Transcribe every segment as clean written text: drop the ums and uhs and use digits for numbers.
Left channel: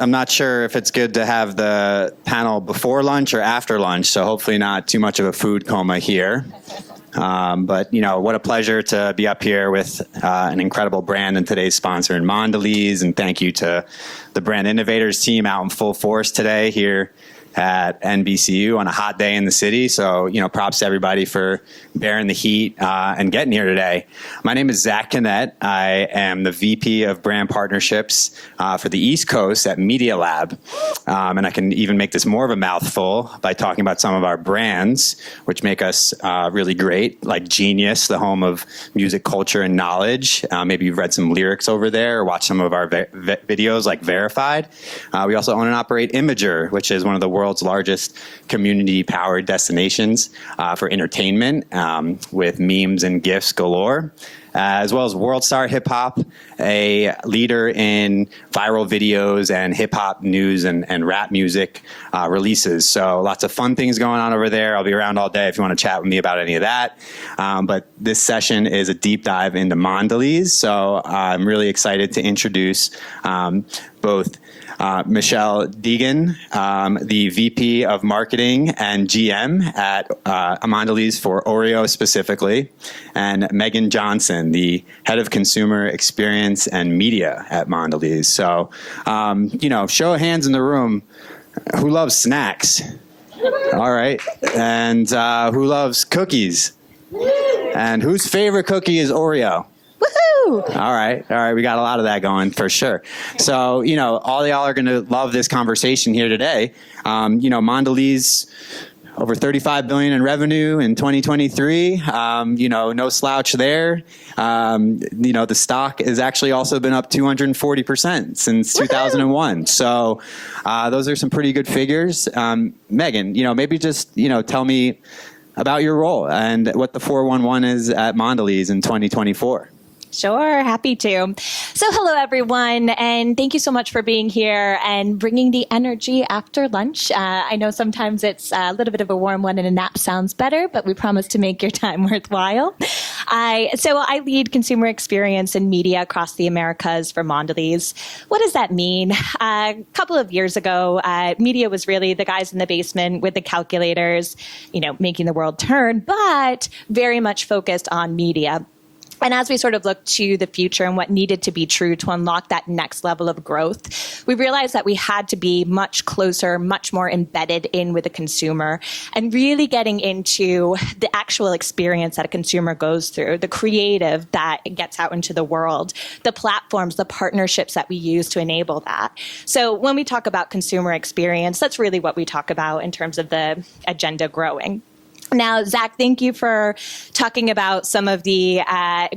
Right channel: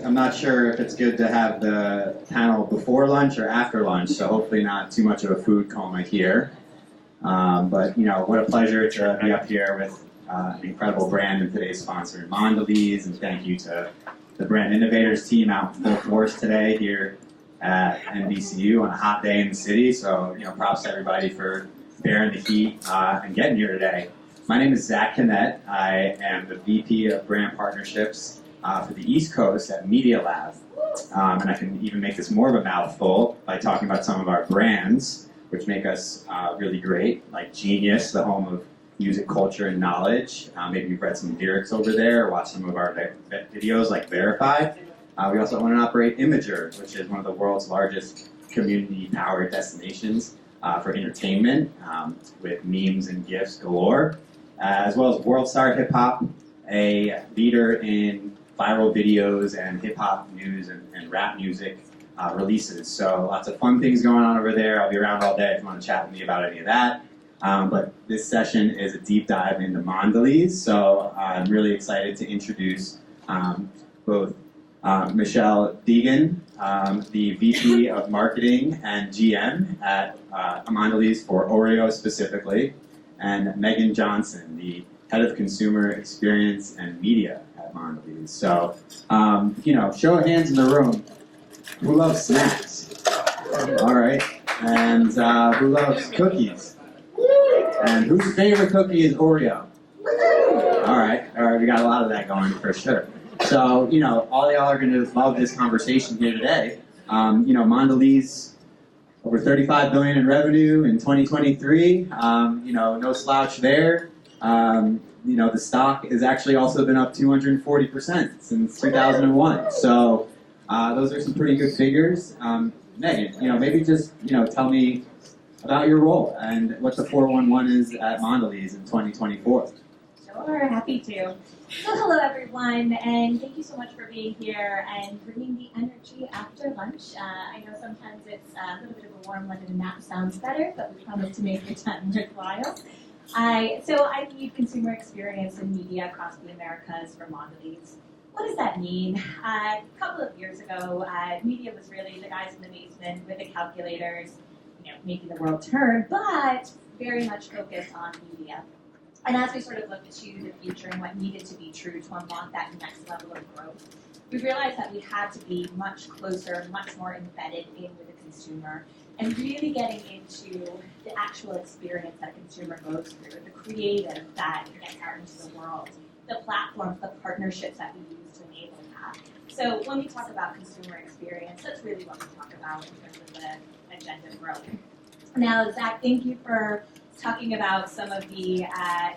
I'm not sure if it's good to have the panel before lunch or after lunch, so hopefully not too much of a food coma here. But, what a pleasure to be up here with an incredible brand and today's sponsor in Mondelēz, and thank you to the brand Innovators team out in full force today here at NBCU on a hot day in the city. So, props to everybody for bearing the heat and getting here today. My name is Zach Connett. I am the VP of Brand Partnerships for the East Coast at MediaLab. And I can even make this more of a mouthful by talking about some of our brands, which make us really great, like Genius, the home of music, culture, and knowledge. Maybe you've read some lyrics over there or watched some of our videos like Verified. We also own and operate Imager, which is one of the world's largest community-powered destinations for entertainment with memes and GIFs galore, as well as World Star Hip Hop, a leader in viral videos and hip-hop news and rap music releases. So lots of fun things going on over there. I'll be around all day if you want to chat with me about any of that. But this session is a deep dive into Mondelēz, so I'm really excited to introduce both Michelle Deignan, the VP of Marketing and GM at Mondelēz for Oreo specifically, and Meghan Johnson, the Head of Consumer Experience and Media at Mondelēz. So, show of hands in the room. Who loves snacks? All right. And who loves cookies? And whose favorite cookie is Oreo? All right, we got a lot of that going for sure. So, all y'all are going to love this conversation here today. Mondelēz, over $35 billion in revenue in 2023. No slouch there. The stock has actually also been up 240% since 2001. So, those are some pretty good figures. Meghan, maybe just, tell me about your role and what the 411 is at Mondelēz in 2024. Sure, happy to. So hello, everyone, and thank you so much for being here and bringing the energy after lunch. I know sometimes it's a little bit of a warm one and a nap sounds better, but we promise to make your time worthwhile. I lead consumer experience and media across the Americas for Mondelēz. What does that mean? A couple of years ago, media was really the guys in the basement with the calculators, making the world turn, but very much focused on media. And as we sort of look to the future and what needed to be true to unlock that next level of growth, we realized that we had to be much closer, much more embedded in with the consumer and really getting into the actual experience that a consumer goes through, the creative that gets out into the world, the platforms, the partnerships that we use to enable that. So when we talk about consumer experience, that's really what we talk about in terms of the agenda growing. Now, Zach, thank you for talking about some of the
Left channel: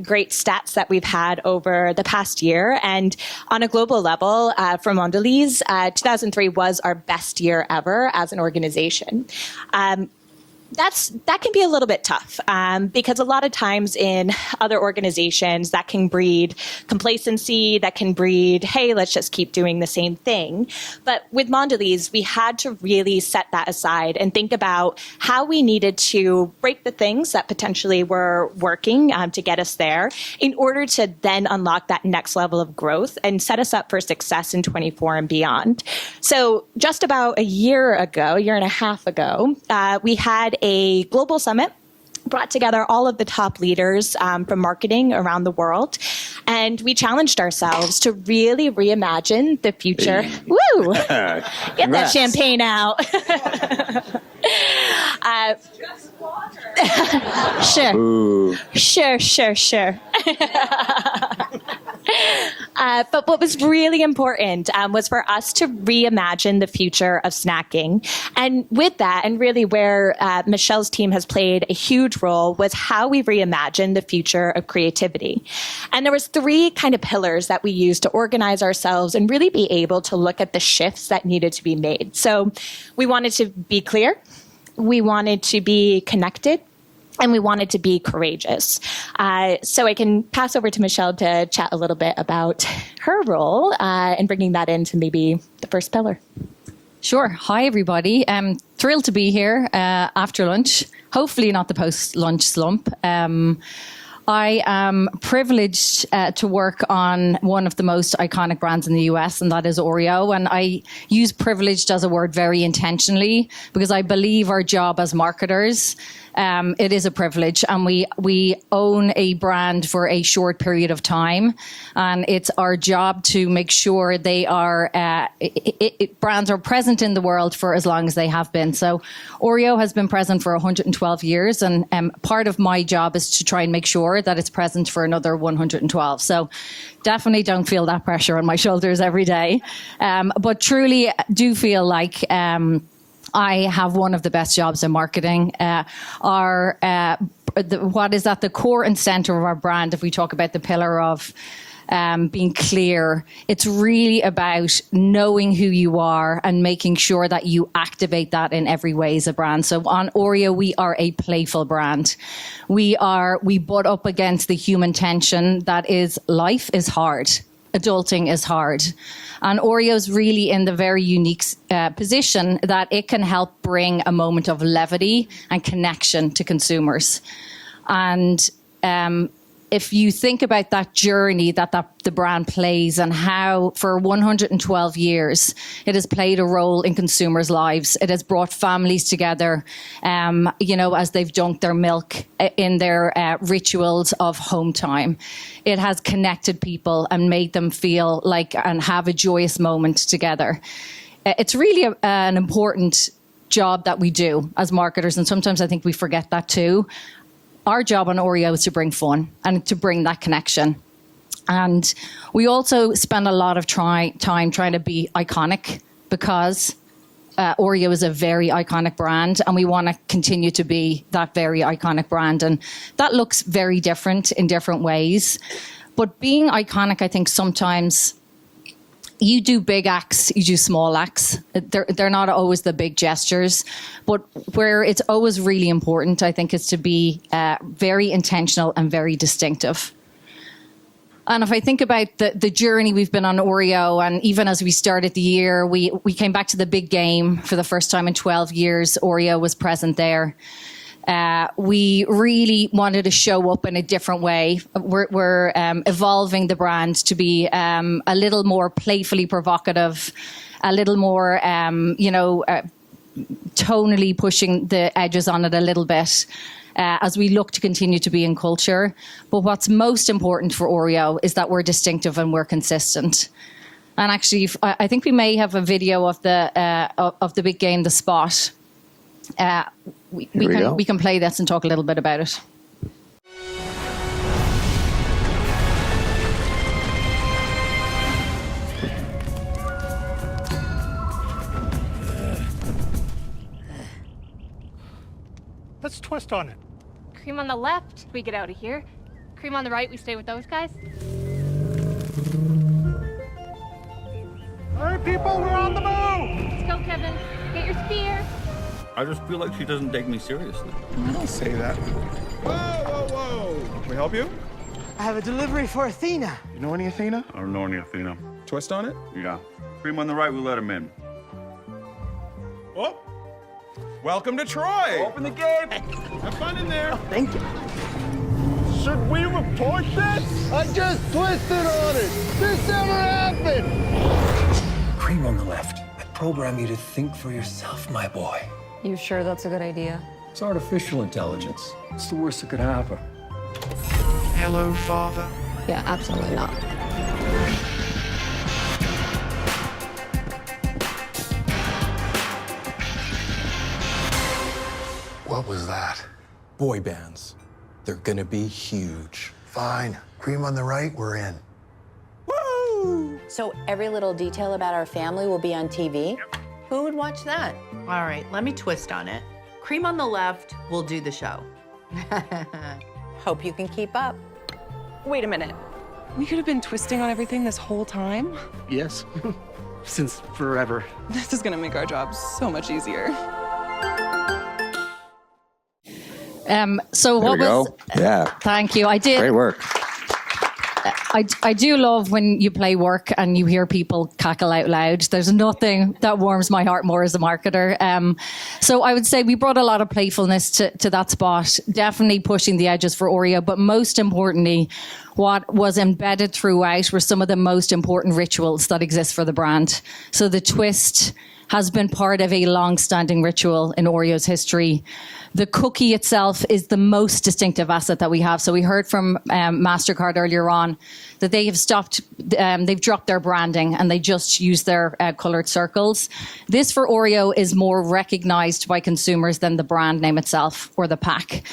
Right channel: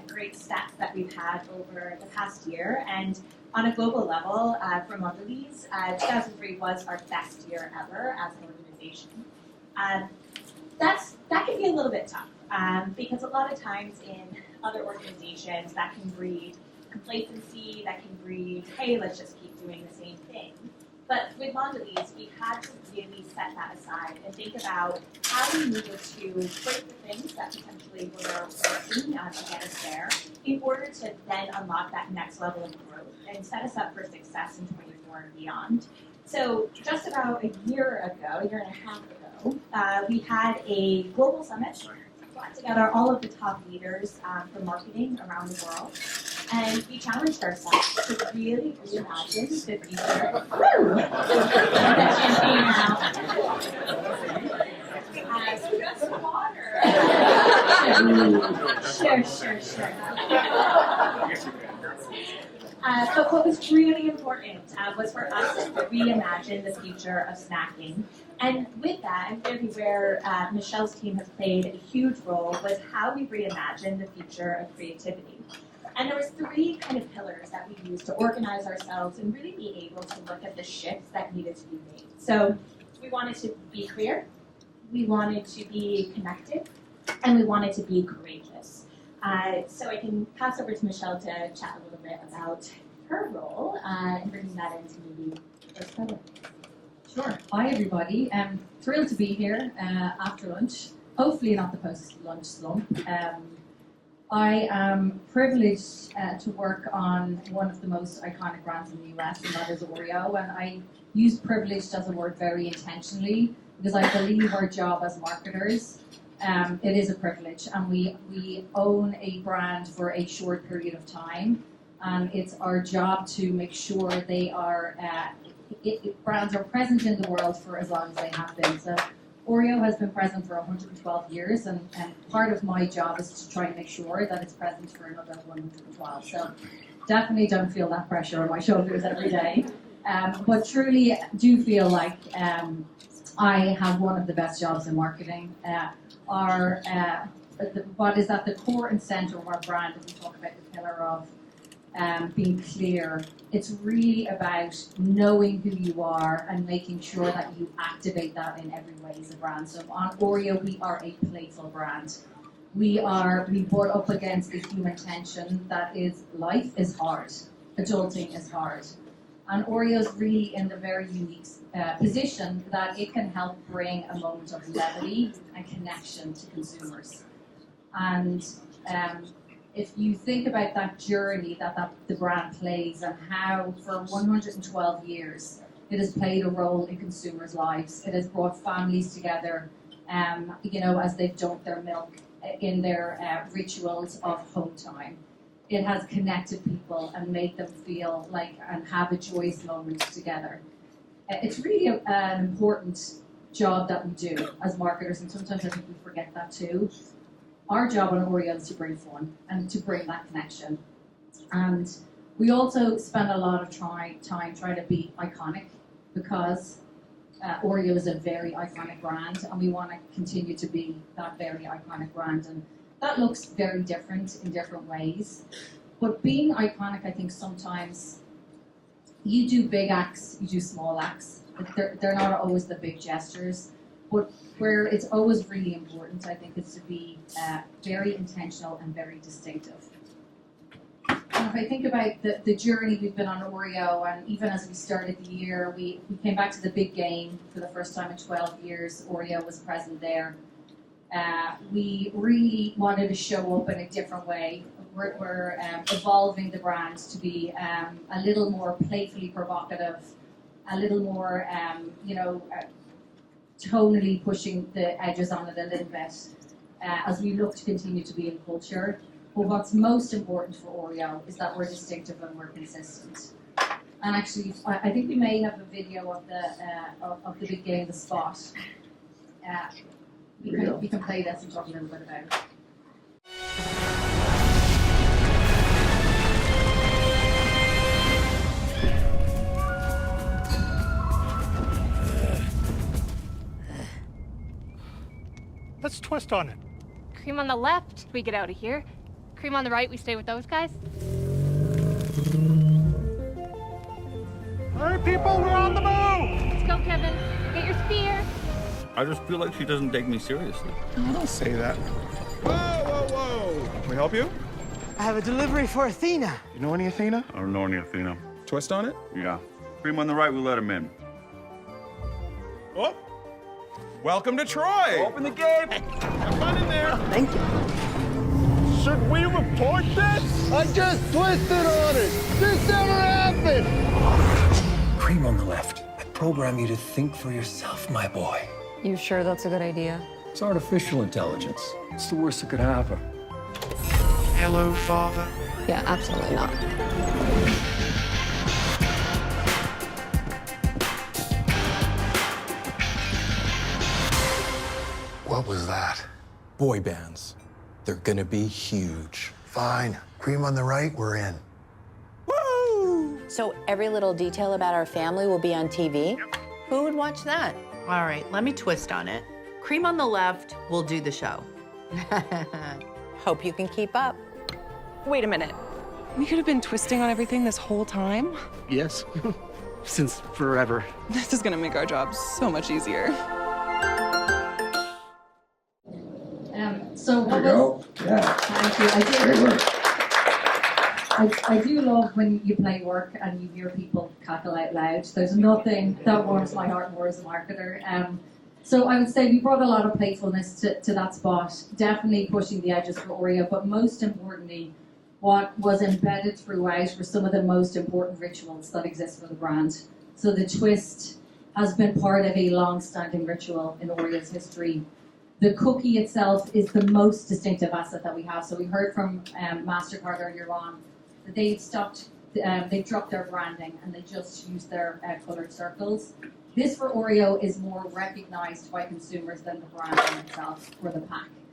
great stats that we've had over the past year. And on a global level, for Mondelēz, 2003 was our best year ever as an organization. That can be a little bit tough because a lot of times in other organizations that can breed complacency, that can breed, hey, let's just keep doing the same thing. But with Mondelēz, we had to really set that aside and think about how we needed to break the things that potentially were working to get us there in order to then unlock that next level of growth and set us up for success in 24 and beyond. So just about a year and a half ago, we had a global summit, brought together all of the top leaders from marketing around the world. And we challenged ourselves to really reimagine the future. Woo! Get that champagne out. Sure. But what was really important was for us to reimagine the future of snacking. And with that, and really where Michelle's team has played a huge role, was how we reimagined the future of creativity. And there was three kind of pillars that we used to organize ourselves and really be able to look at the shifts that needed to be made. So we wanted to be clear, we wanted to be connected, and we wanted to be courageous. So I can pass over to Michelle to chat a little bit about her role and bringing that into maybe the first pillar. Sure. Hi, everybody. Thrilled to be here after lunch. Hopefully not the post-lunch slump. I am privileged to work on one of the most iconic brands in the US, and that is Oreo. And I use privileged as a word very intentionally because I believe our job as marketers, it is a privilege, and we own a brand for a short period of time, and it's our job to make sure they are brands are present in the world for as long as they have been. So Oreo has been present for 112 years, and part of my job is to try and make sure that it's present for another 112. So definitely don't feel that pressure on my shoulders every day, but truly do feel like I have one of the best jobs in marketing. What is at the core and center of our brand, if we talk about the pillar of being clear, it's really about knowing who you are and making sure that you activate that in every way as a brand. So on Oreo, we are a playful brand. We butt up against the human tension that is life is hard. Adulting is hard. And Oreo is really in the very unique position that it can help bring a moment of levity and connection to consumers. And if you think about that journey that the brand plays and how for 112 years it has played a role in consumers' lives, it has brought families together, as they've dunked their milk in their rituals of home time. It has connected people and made them feel like and have a joyous moment together. It's really an important job that we do as marketers, and sometimes I think we forget that too. Our job on Oreo is to bring fun and to bring that connection. And we also spend a lot of time trying to be iconic because Oreo is a very iconic brand, and we want to continue to be that very iconic brand. And that looks very different in different ways. But being iconic, I think sometimes you do big acts, you do small acts. They're not always the big gestures. But where it's always really important, I think, is to be very intentional and very distinctive. And if I think about the journey we've been on Oreo, and even as we started the year, we came back to the big game for the first time in 12 years. Oreo was present there. We really wanted to show up in a different way. We're evolving the brand to be a little more playfully provocative, a little more, tonally pushing the edges on it a little bit. As we look to continue to be in culture. But what's most important for Oreo is that we're distinctive and we're consistent. And actually, I think we may have a video of the big game, The Spot. We can play this and talk a little bit about it. Let's twist on it. Cream on the left, we get out of here. Cream on the right, we stay with those guys. All right, people, we're on the move! Let's go, Kevin. Get your spear. I just feel like she doesn't take me seriously. I don't say that. Whoa, whoa, whoa. Can we help you? I have a delivery for Athena. You know any Athena? I don't know any Athena. Twist on it? Yeah. Cream on the right, we let him in. Oh. Welcome to Troy. Open the gate! Have fun in there. Thank you. Should we report this? I just twisted on it. This never happened. Cream on the left. I program you to think for yourself, my boy. You sure that's a good idea? It's artificial intelligence. It's the worst that could happen. Hello, Father. Yeah, absolutely not. What was that? Boy bands. They're gonna be huge. Fine. Cream on the right, we're in. Woo! So every little detail about our family will be on TV? Yep. Who would watch that? All right, let me twist on it. Cream on the left will do the show. Hope you can keep up. Wait a minute. We could have been twisting on everything this whole time? Yes. Since forever. This is gonna make our job so much easier. So There what we was? go. Yeah. Thank you. I did. Great work. I do love when you play work and you hear people cackle out loud. There's nothing that warms my heart more as a marketer. So I would say we brought a lot of playfulness to that spot, definitely pushing the edges for Oreo, but most importantly, what was embedded throughout were some of the most important rituals that exist for the brand. So the twist has been part of a long-standing ritual in Oreo's history. The cookie itself is the most distinctive asset that we have. So we heard from MasterCard earlier on that they have stopped, they've dropped their branding and they just use their coloured circles. This for Oreo is more recognised by consumers than the brand name itself or the pack.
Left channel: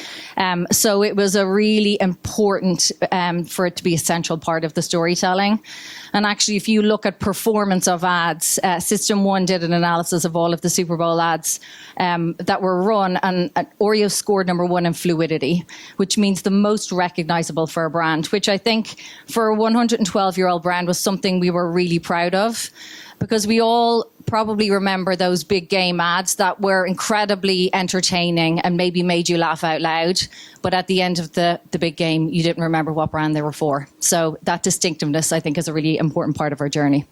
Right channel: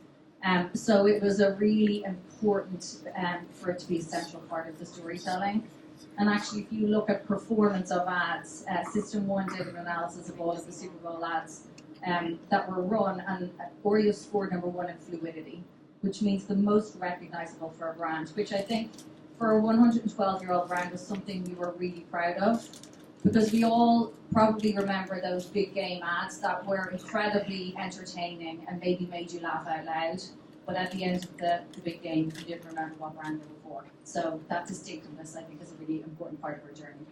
So it was a really important for it to be a central part of the storytelling. And actually, if you look at performance of ads, System 1 did an analysis of all of the Super Bowl ads that were run, and Oreo scored #1 in fluidity, which means the most recognizable for a brand, which I think for a 112-year-old brand was something we were really proud of, because we all probably remember those big game ads that were incredibly entertaining and maybe made you laugh out loud. But at the end of the big game, you didn't remember what brand they were for. So that distinctiveness, I think, is a really important part of our journey.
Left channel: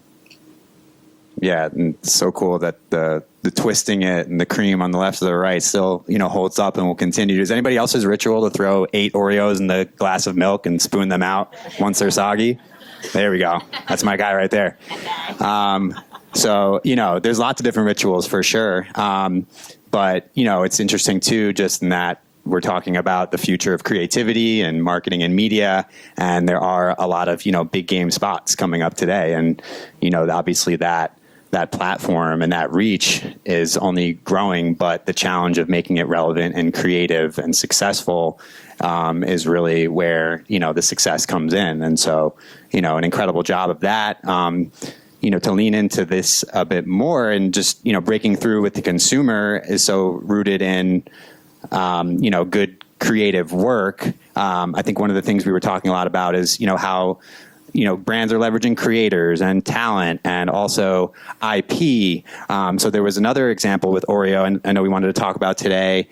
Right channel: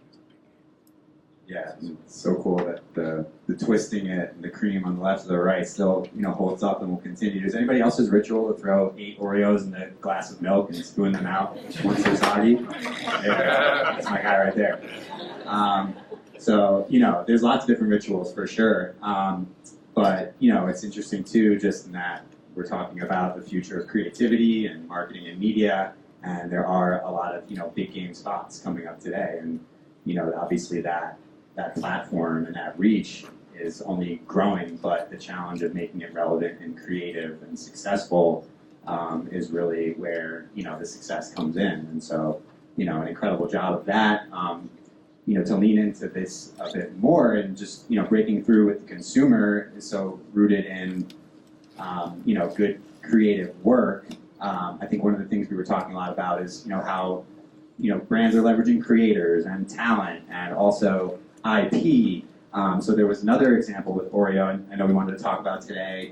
Yeah, and it's so cool that the twisting it and the cream on the left or the right still, holds up and will continue. Does anybody else's ritual to throw 8 Oreos in the glass of milk and spoon them out once they're soggy? There we go. That's my guy right there. So, there's lots of different rituals for sure. But, it's interesting too, just in that we're talking about the future of creativity and marketing and media, and there are a lot of, big game spots coming up today. And, obviously that platform and that reach is only growing, but the challenge of making it relevant and creative and successful is really where, the success comes in. And so, an incredible job of that. To lean into this a bit more and just, breaking through with the consumer is so rooted in, good creative work. I think one of the things we were talking a lot about is, how, brands are leveraging creators and talent and also IP. So there was another example with Oreo, and I know we wanted to talk about today,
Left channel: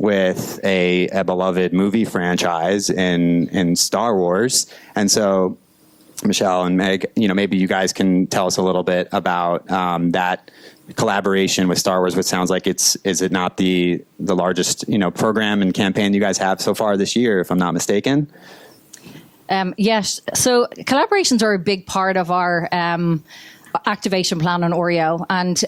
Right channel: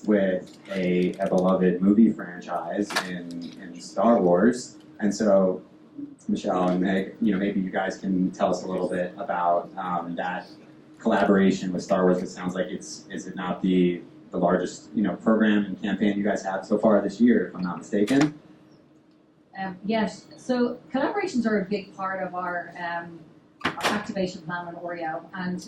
with a beloved movie franchise in Star Wars. And so Michelle and Meg, maybe you guys can tell us a little bit about that collaboration with Star Wars, which sounds like is it not the largest, program and campaign you guys have so far this year, if I'm not mistaken? Yes. So collaborations are a big part of our activation plan on Oreo. And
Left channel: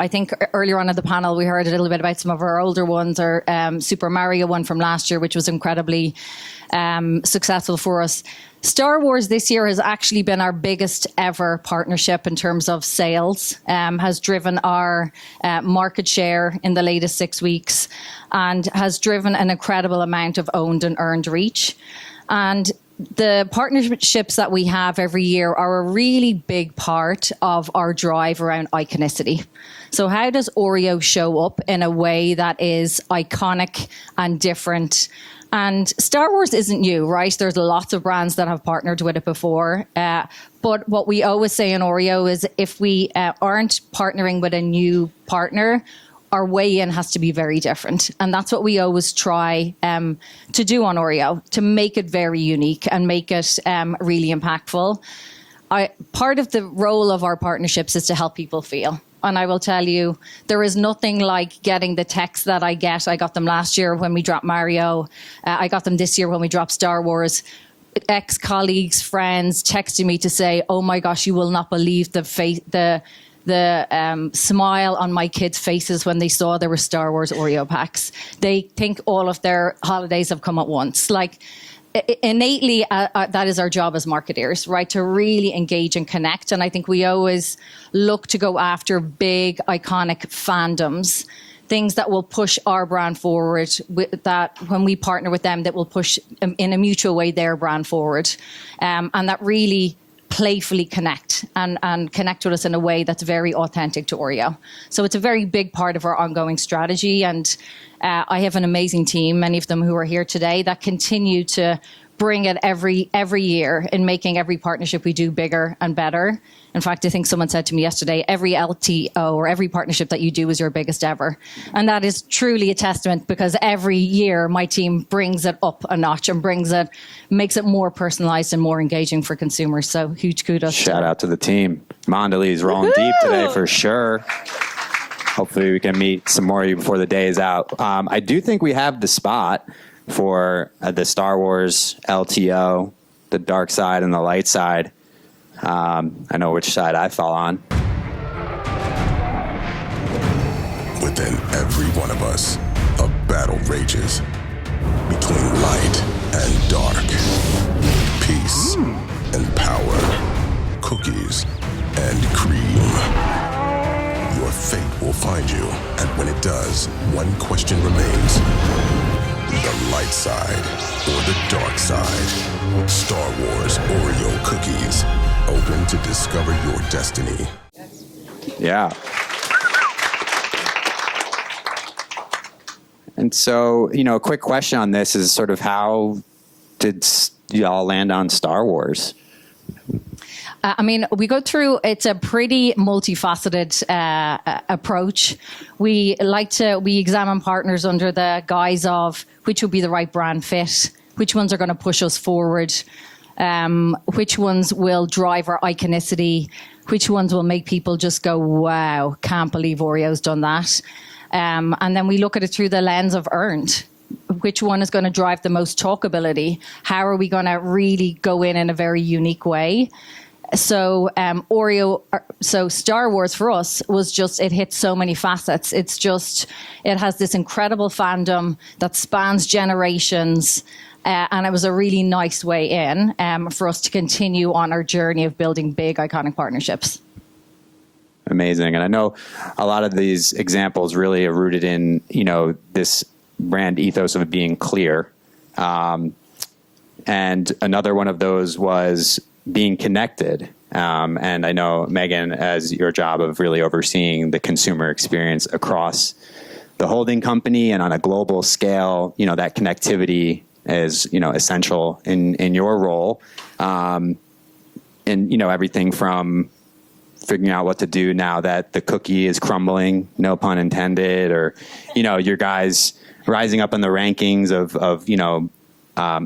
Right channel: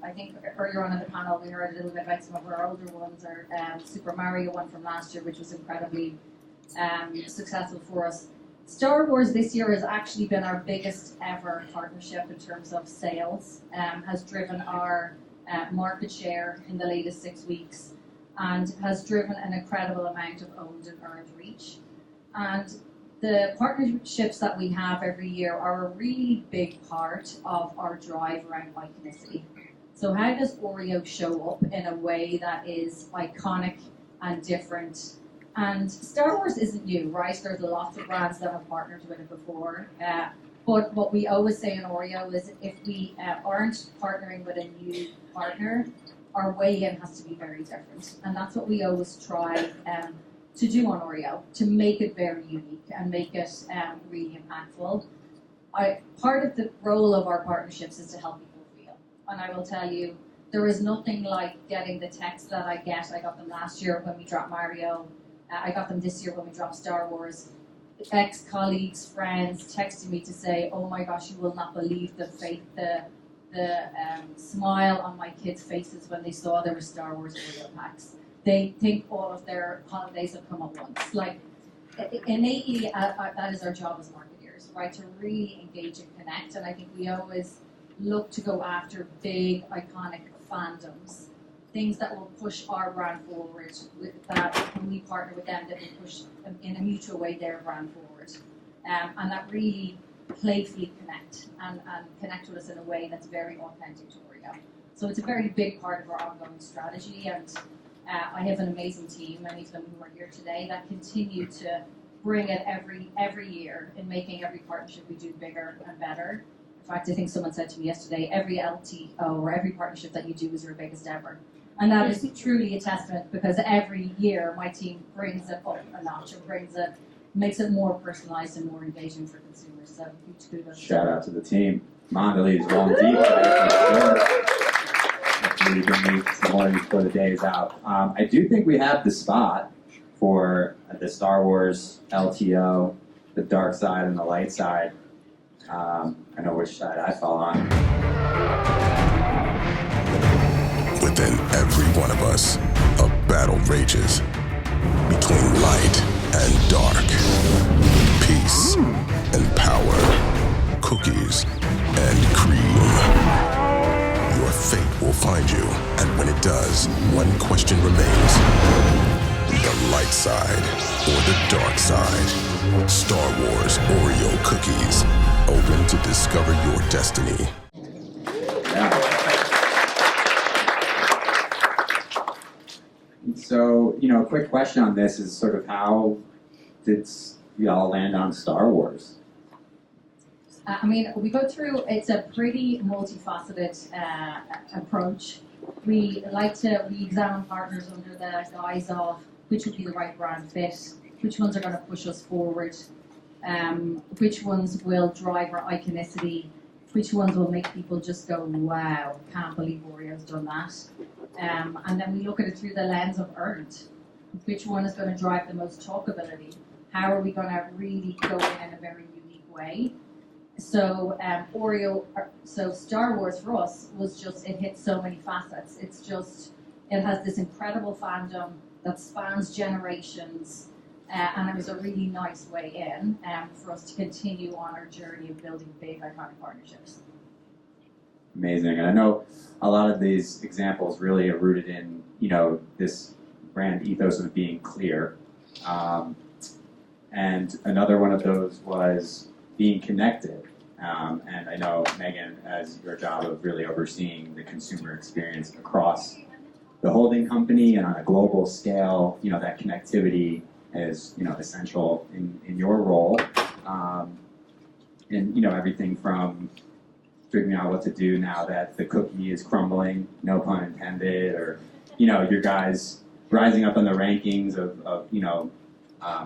I think earlier on in the panel, we heard a little bit about some of our older ones, our Super Mario one from last year, which was incredibly successful for us. Star Wars this year has actually been our biggest ever partnership in terms of sales, has driven our market share in the latest 6 weeks, and has driven an incredible amount of owned and earned reach. And the partnerships that we have every year are a really big part of our drive around iconicity. So how does Oreo show up in a way that is iconic and different? And Star Wars isn't new, right? There's lots of brands that have partnered with it before. But what we always say in Oreo is if we aren't partnering with a new partner, our way in has to be very different. And that's what we always try to do on Oreo, to make it very unique and make it really impactful. Part of the role of our partnerships is to help people feel. And I will tell you, there is nothing like getting the texts that I get. I got them last year when we dropped Mario. I got them this year when we dropped Star Wars. Ex-colleagues, friends texting me to say, "Oh my gosh, you will not believe the smile on my kids' faces when they saw there were Star Wars Oreo packs. They think all of their holidays have come at once." Like, innately, that is our job as marketeers, right? To really engage and connect. And I think we always look to go after big, iconic fandoms, things that will push our brand forward, that when we partner with them, that will push in a mutual way their brand forward. And that really playfully connect and connect with us in a way that's very authentic to Oreo. So it's a very big part of our ongoing strategy. And I have an amazing team, many of them who are here today, that continue to bring it every year in making every partnership we do bigger and better. In fact, I think someone said to me yesterday, every LTO or every partnership that you do is your biggest ever. And that is truly a testament, because every year my team brings it up a notch and makes it more personalized and more engaging for consumers. So huge kudos. Shout out to the team. Mondelēz rolling deep today for sure. Hopefully we can meet some more of you before the day is out. I do think we have the spot for the Star Wars LTO, the dark side and the light side. I know which side I fall on. Within every one of us, a battle rages between light and dark, peace and power, cookies and cream. Your fate will find you, and when it does, one question remains. The light side or the dark side? Star Wars Oreo cookies. Open to discover your destiny. Yeah. And so, a quick question on this is sort of how did y'all land on Star Wars? We go through, it's a pretty multifaceted approach. We examine partners under the guise of which would be the right brand fit, which ones are going to push us forward, which ones will drive our iconicity, which ones will make people just go, wow, can't believe Oreo's done that. And then we look at it through the lens of earned. Which one is going to drive the most talkability? How are we going to really go in a very unique way? So Star Wars for us was just, it hit so many facets. It has this incredible fandom that spans generations. And it was a really nice way in for us to continue on our journey of building big, iconic partnerships. Amazing. And I know a lot of these examples really are rooted in, this brand ethos of being clear. And another one of those was being connected. And I know, Meghan, as your job of really overseeing the consumer experience across the holding company and on a global scale, that connectivity is, essential in your role. And, everything from figuring out what to do now that the cookie is crumbling, no pun intended, or, your guys rising up in the rankings of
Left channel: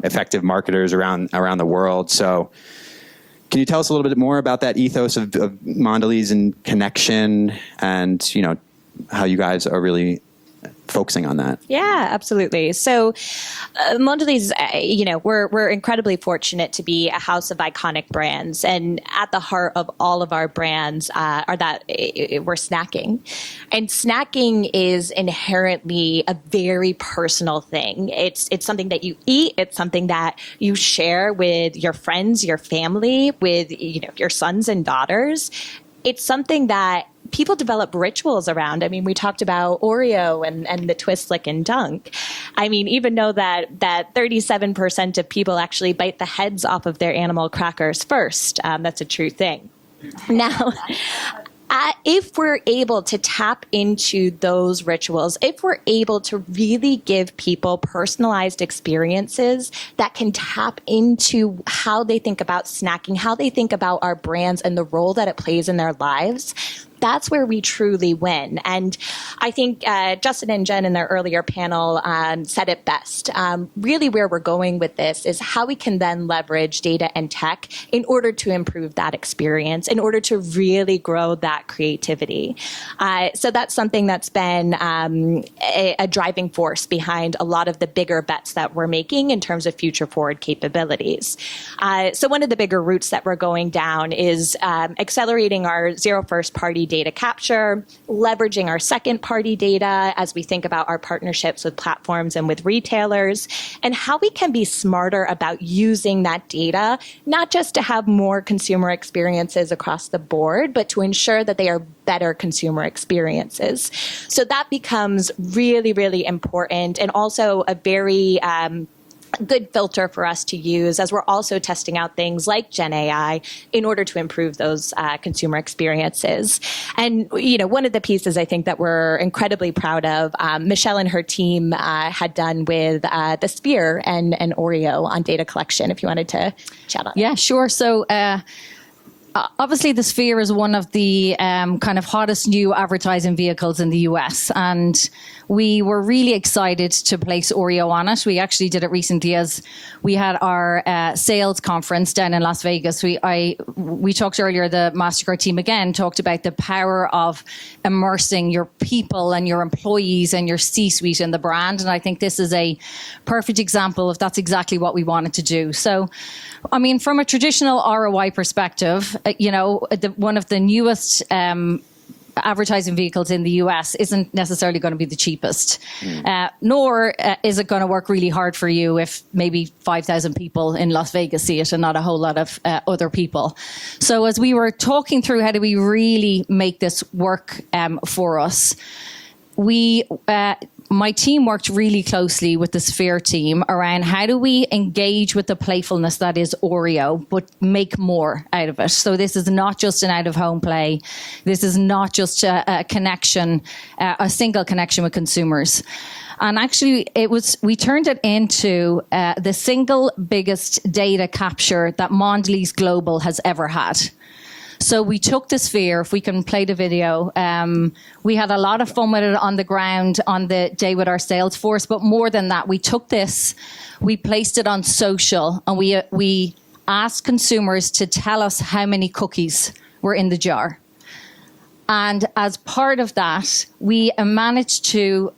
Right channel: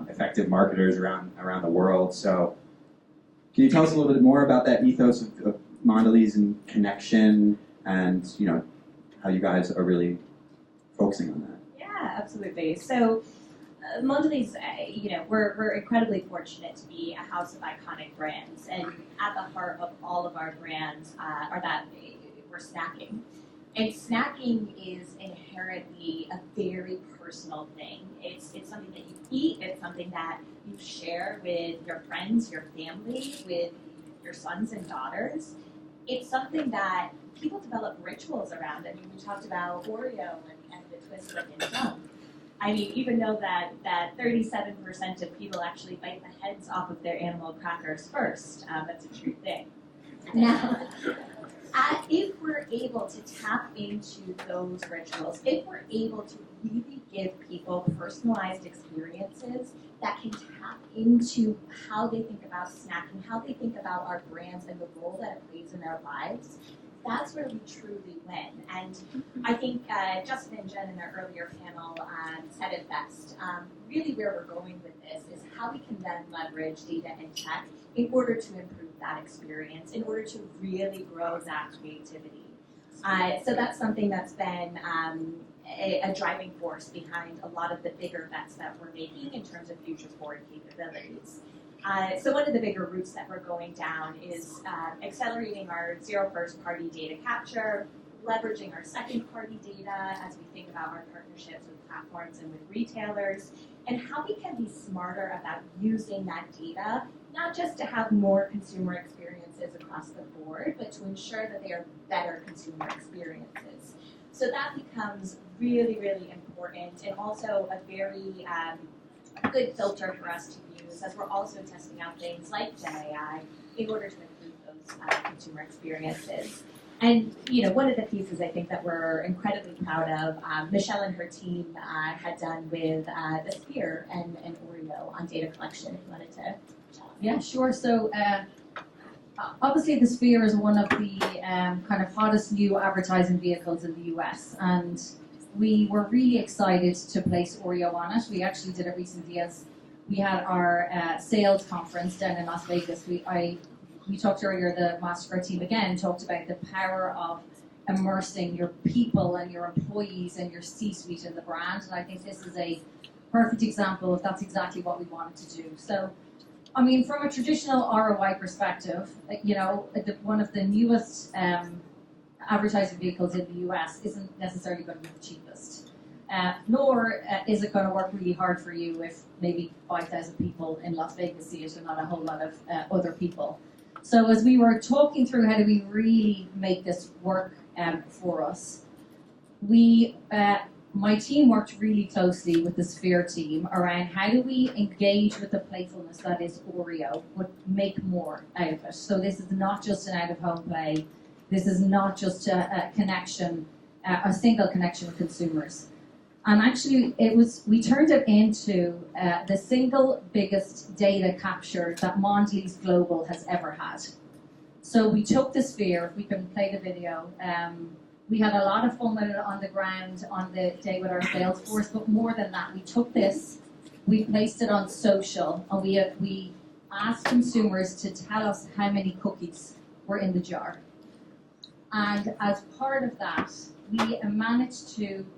effective marketers around the world. So can you tell us a little bit more about that ethos of Mondelēz and connection and, how you guys are really focusing on that? Yeah, absolutely. So Mondelēz, we're incredibly fortunate to be a house of iconic brands. And at the heart of all of our brands are that we're snacking. And snacking is inherently a very personal thing. It's something that you eat. It's something that you share with your friends, your family, with your sons and daughters. It's something that people develop rituals around. We talked about Oreo and the twist, lick, and dunk. Even though that 37% of people actually bite the heads off of their animal crackers first. That's a true thing. Now, if we're able to tap into those rituals, if we're able to really give people personalized experiences that can tap into how they think about snacking, how they think about our brands and the role that it plays in their lives, that's where we truly win. And I think Justin and Jen in their earlier panel said it best. Really where we're going with this is how we can then leverage data and tech in order to improve that experience, in order to really grow that creativity. So that's something that's been a driving force behind a lot of the bigger bets that we're making in terms of future forward capabilities. So one of the bigger routes that we're going down is accelerating our zero first party data capture, leveraging our second party data as we think about our partnerships with platforms and with retailers, and how we can be smarter about using that data, not just to have more consumer experiences across the board, but to ensure that they are better consumer experiences. So that becomes really, really important, and also a very good filter for us to use as we're also testing out things like Gen AI in order to improve those consumer experiences. And, you know, one of the pieces I think that we're incredibly proud of, Michelle and her team had done with the Sphere and Oreo on data collection, if you wanted to chat on Yeah, sure. So obviously the Sphere is one of the kind of hottest new advertising vehicles in the US, and we were really excited to place Oreo on it. We actually did it recently as we had our sales conference down in Las Vegas. We talked earlier, the MasterCard team again talked about the power of immersing your people and your employees and your C-suite in the brand. And I think this is a perfect example of that's exactly what we wanted to do. So, I mean, from a traditional ROI perspective, you know, one of the newest advertising vehicles in the US isn't necessarily going to be the cheapest, nor is it going to work really hard for you if maybe 5,000 people in Las Vegas see it and not a whole lot of other people. So as we were talking through how do we really make this work for us, my team worked really closely with the Sphere team around how do we engage with the playfulness that is Oreo, but make more out of it. So this is not just an out-of-home play. This is not just a connection, a single connection with consumers. And actually, we turned it into the single biggest data capture that Mondelēz Global has ever had. So we took the Sphere, if we can play the video, we had a lot of fun with it on the ground on the day with our sales force, but more than that, we took this, we placed it on social, and we asked consumers to tell us how many cookies were in the jar. And as part of that, we managed to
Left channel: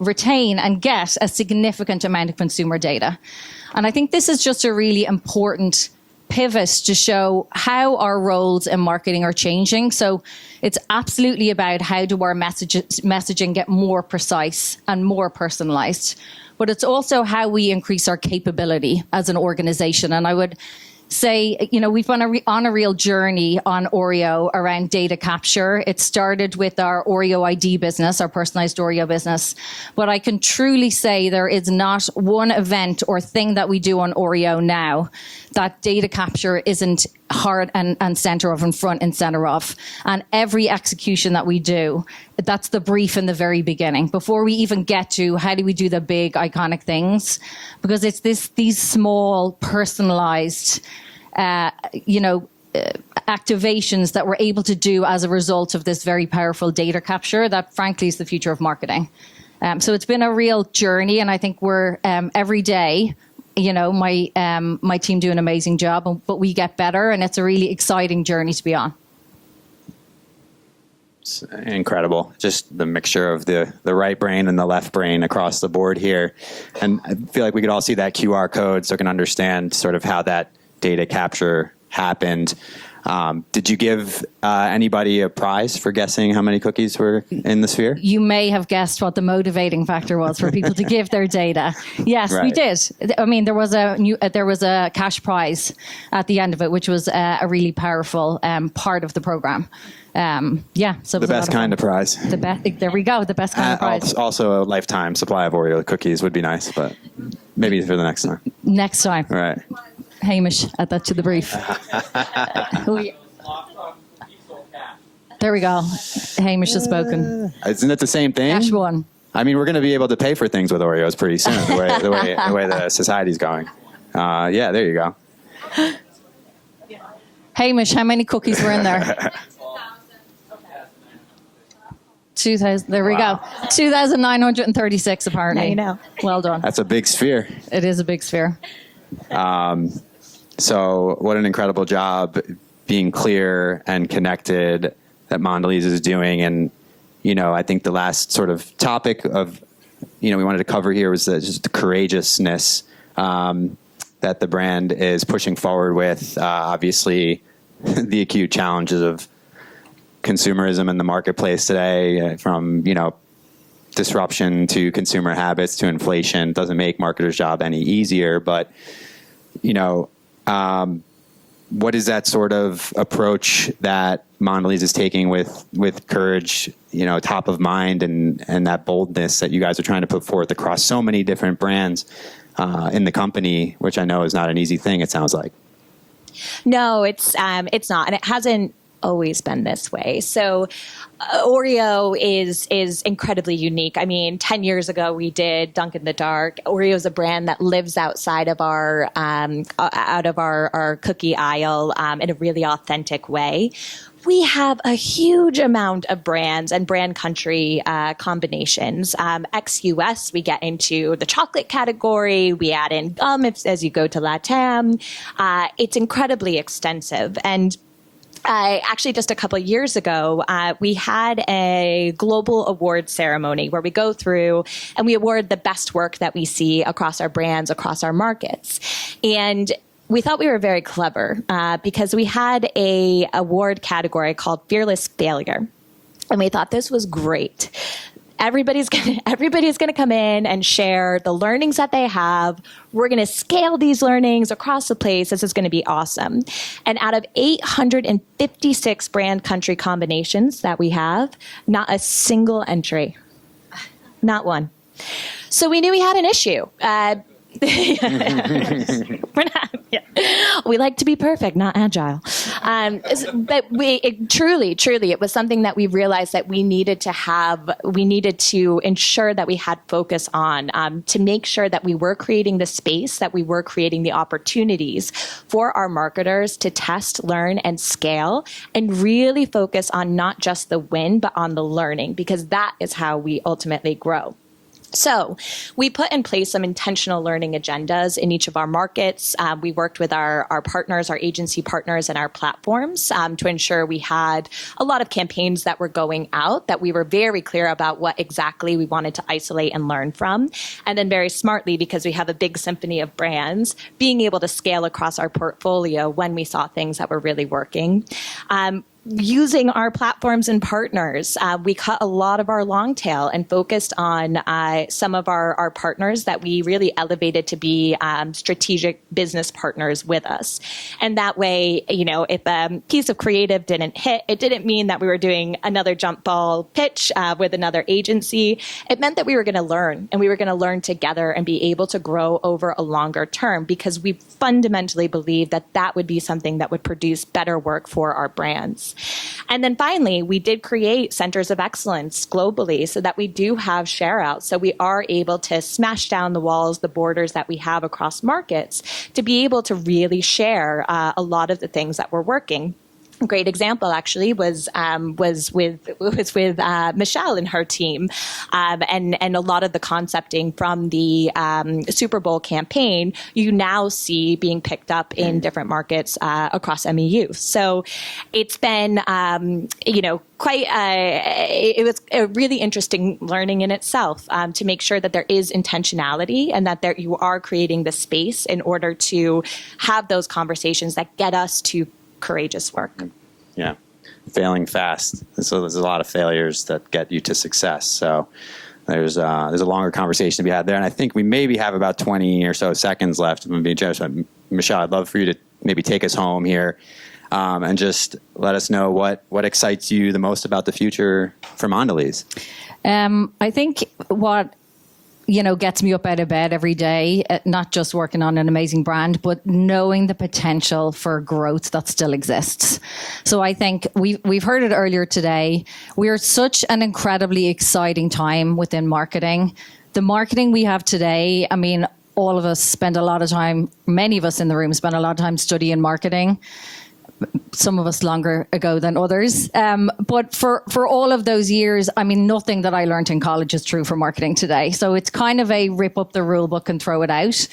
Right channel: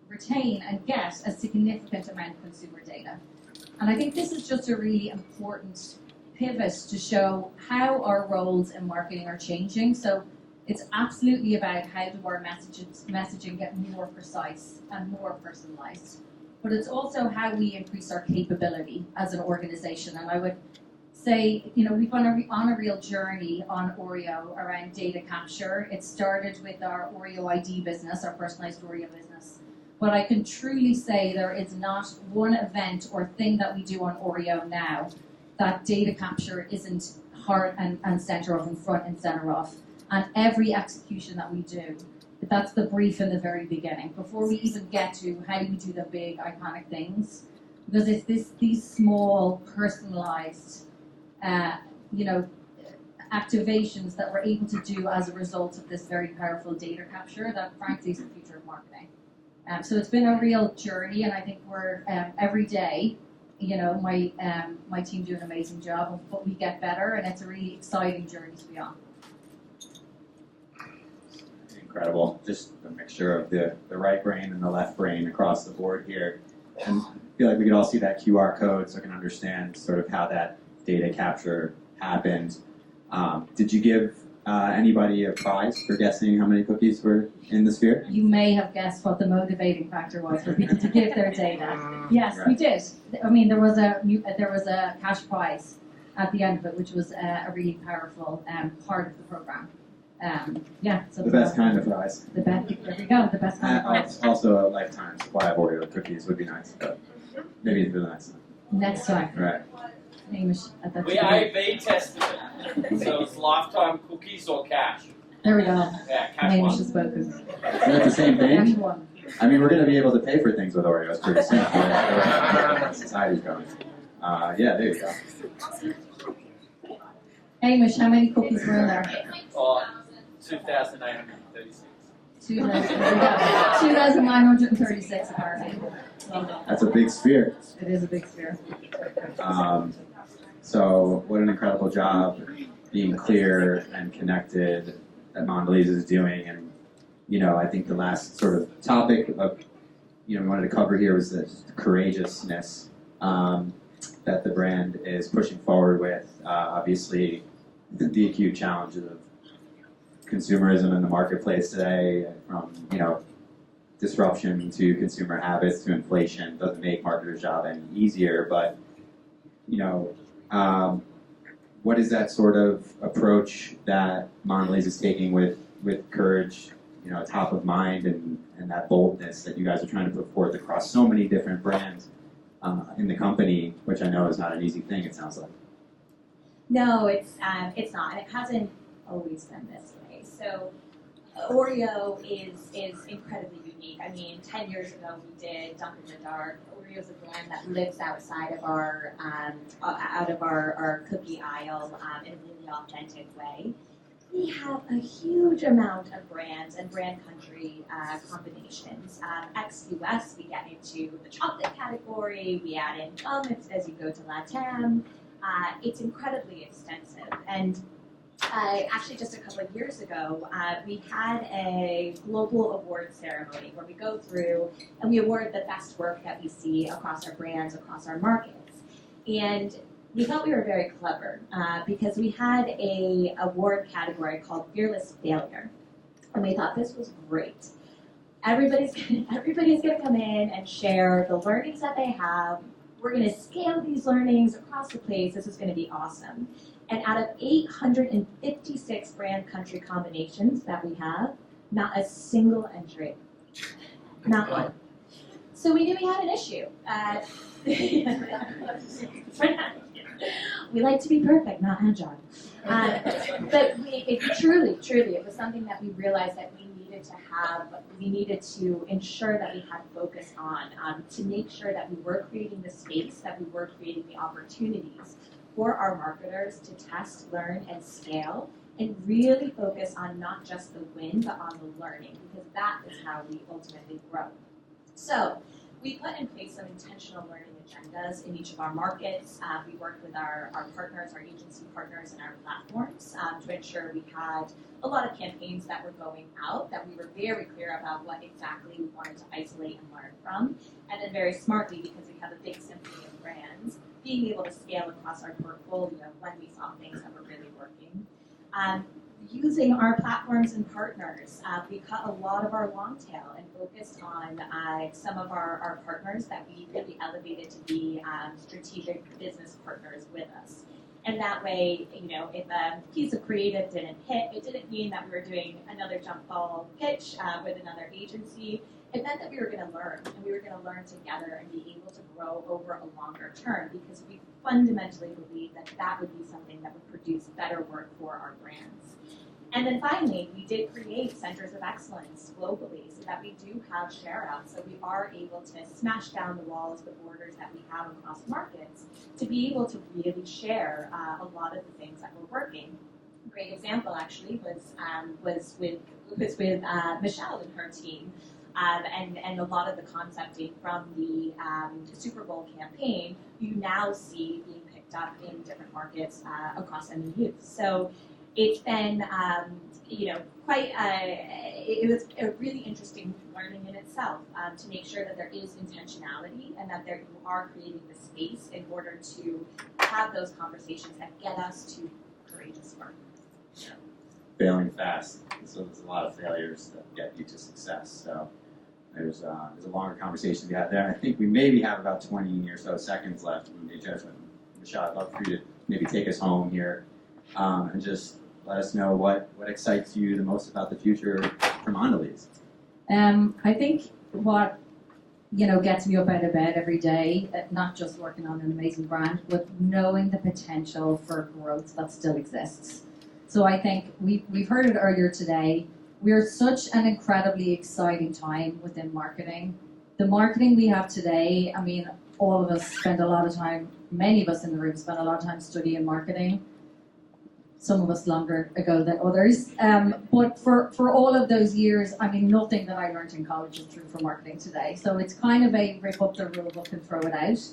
retain and get a significant amount of consumer data. And I think this is just a really important pivot to show how our roles in marketing are changing. So it's absolutely about how do our messaging get more precise and more personalized. But it's also how we increase our capability as an organization. And I would say, you know, we've been on a real journey on Oreo around data capture. It started with our Oreo ID business, our personalized Oreo business. But I can truly say there is not one event or thing that we do on Oreo now that data capture isn't heart and center of and front and center of. And every execution that we do, that's the brief in the very beginning, before we even get to how do we do the big iconic things, because it's these small personalized activations that we're able to do as a result of this very powerful data capture that frankly is the future of marketing. So it's been a real journey, and I think we're every day, you know, my team do an amazing job, but we get better, and it's a really exciting journey to be on. It's incredible, just the mixture of the right brain and the left brain across the board here. And I feel like we could all see that QR code so we can understand sort of how that data capture happened. Did you give anybody a prize for guessing how many cookies were in the Sphere? You may have guessed what the motivating factor was for people to give their data. Yes, right. We did. I mean, there was a cash prize at the end of it, which was a really powerful part of the program. So the best kind of prize. There we go. The best kind of prize. Also, a lifetime supply of Oreo cookies would be nice, but maybe for the next time. Next time. All right. Hamish, add that to the brief. Lifetime cookies or cash? There we go. Hamish has spoken. Isn't it the same thing? Cash one. I mean, we're going to be able to pay for things with Oreos pretty soon, the way the society's going. Yeah, there you go. Hamish, how many cookies were in there? 2,936. There we go. 2,936 apparently. Now you know. Well done. That's a big sphere. It is a big sphere. So what an incredible job being clear and connected that Mondelēz is doing. And, you know, I think the last sort of topic of, you know, we wanted to cover here was just the courageousness that the brand is pushing forward with. Obviously, the acute challenges of consumerism in the marketplace today, from, you know, disruption to consumer habits to inflation, doesn't make marketers' job any easier. But, you know, what is that sort of approach that Mondelēz is taking with courage, top of mind, and that boldness that you guys are trying to put forth across so many different brands in the company, which I know is not an easy thing, it sounds like. No, it's not, and it hasn't always been this way. So Oreo is incredibly unique. I mean, 10 years ago we did Dunk in the Dark. Oreo is a brand that lives outside of our cookie aisle in a really authentic way. We have a huge amount of brands and brand country combinations. Ex-US, we get into the chocolate category. We add in gum as you go to LATAM. It's incredibly extensive. And actually, just a couple of years ago, we had a global award ceremony where we go through and we award the best work that we see across our brands, across our markets. And we thought we were very clever because we had a award category called Fearless Failure. And we thought this was great. Everybody's gonna come in and share the learnings that they have. We're gonna scale these learnings across the place. This is gonna be awesome. And out of 856 brand country combinations that we have, not a single entry. Not one. So we knew we had an issue. We like to be perfect, not agile. But it was something that we realized that we needed to ensure that we had focus on to make sure that we were creating the space, that we were creating the opportunities for our marketers to test, learn, and scale, and really focus on not just the win, but on the learning, because that is how we ultimately grow. So we put in place some intentional learning agendas in each of our markets. We worked with our partners, our agency partners, and our platforms to ensure we had a lot of campaigns that were going out, that we were very clear about what exactly we wanted to isolate and learn from. And then very smartly, because we have a big symphony of brands, being able to scale across our portfolio when we saw things that were really working. Using our platforms and partners, we cut a lot of our long tail and focused on some of our partners that we really elevated to be strategic business partners with us. And that way, if a piece of creative didn't hit, it didn't mean that we were doing another jump ball pitch with another agency. It meant that we were going to learn, and we were going to learn together and be able to grow over a longer term, because we fundamentally believe that that would be something that would produce better work for our brands. And then finally, we did create centers of excellence globally so that we do have share out. So we are able to smash down the walls, the borders that we have across markets to be able to really share a lot of the things that we're working. A great example actually was with Michelle and her team, and a lot of the concepting from the Super Bowl campaign you now see being picked up in different markets across MEU. So it's been it was a really interesting learning in itself to make sure that there is intentionality and that you are creating the space in order to have those conversations that get us to courageous work. Yeah, failing fast. So there's a lot of failures that get you to success. So there's a longer conversation to be had there, and I think we maybe have about 20 or so seconds left. I'm going to be generous. Michelle, I'd love for you to maybe take us home here and just let us know what excites you the most about the future for Mondelēz. I think what gets me up out of bed every day, not just working on an amazing brand, but knowing the potential for growth that still exists. So I think we've heard it earlier today. We're at such an incredibly exciting time within marketing. The marketing we have today, I mean, all of us spend a lot of time, many of us in the room spend a lot of time studying marketing. Some of us longer ago than others. But for all of those years, I mean, nothing that I learned in college is true for marketing today. So it's kind of a rip up the rule book and throw it out.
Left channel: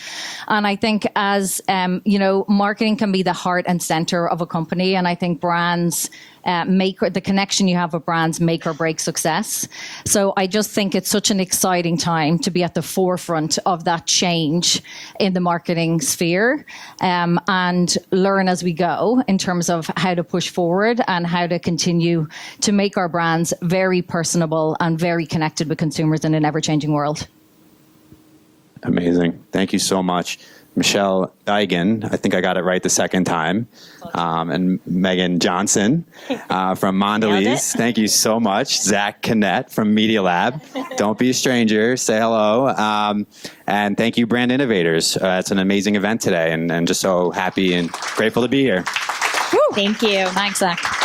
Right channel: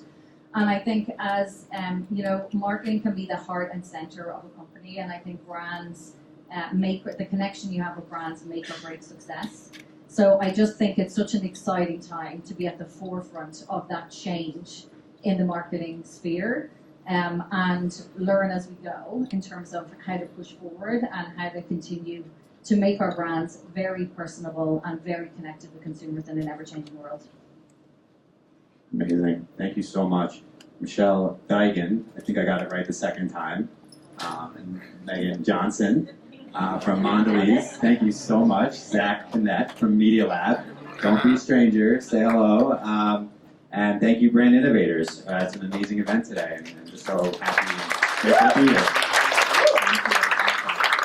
And I think as, marketing can be the heart and center of a company. And I think brands the connection you have with brands make or break success. So I just think it's such an exciting time to be at the forefront of that change in the marketing sphere and learn as we go in terms of how to push forward and how to continue to make our brands very personable and very connected with consumers in an ever-changing world. Amazing. Thank you so much. Michelle Deignan, I think I got it right the second time, and Meghan Johnson from Mondelēz. Thank you so much. Zach Connett from MediaLab. Don't be a stranger. Say hello. And thank you, Brand Innovators. It's an amazing event today, and just so happy and grateful to be here. Thank you. Thanks, Zach.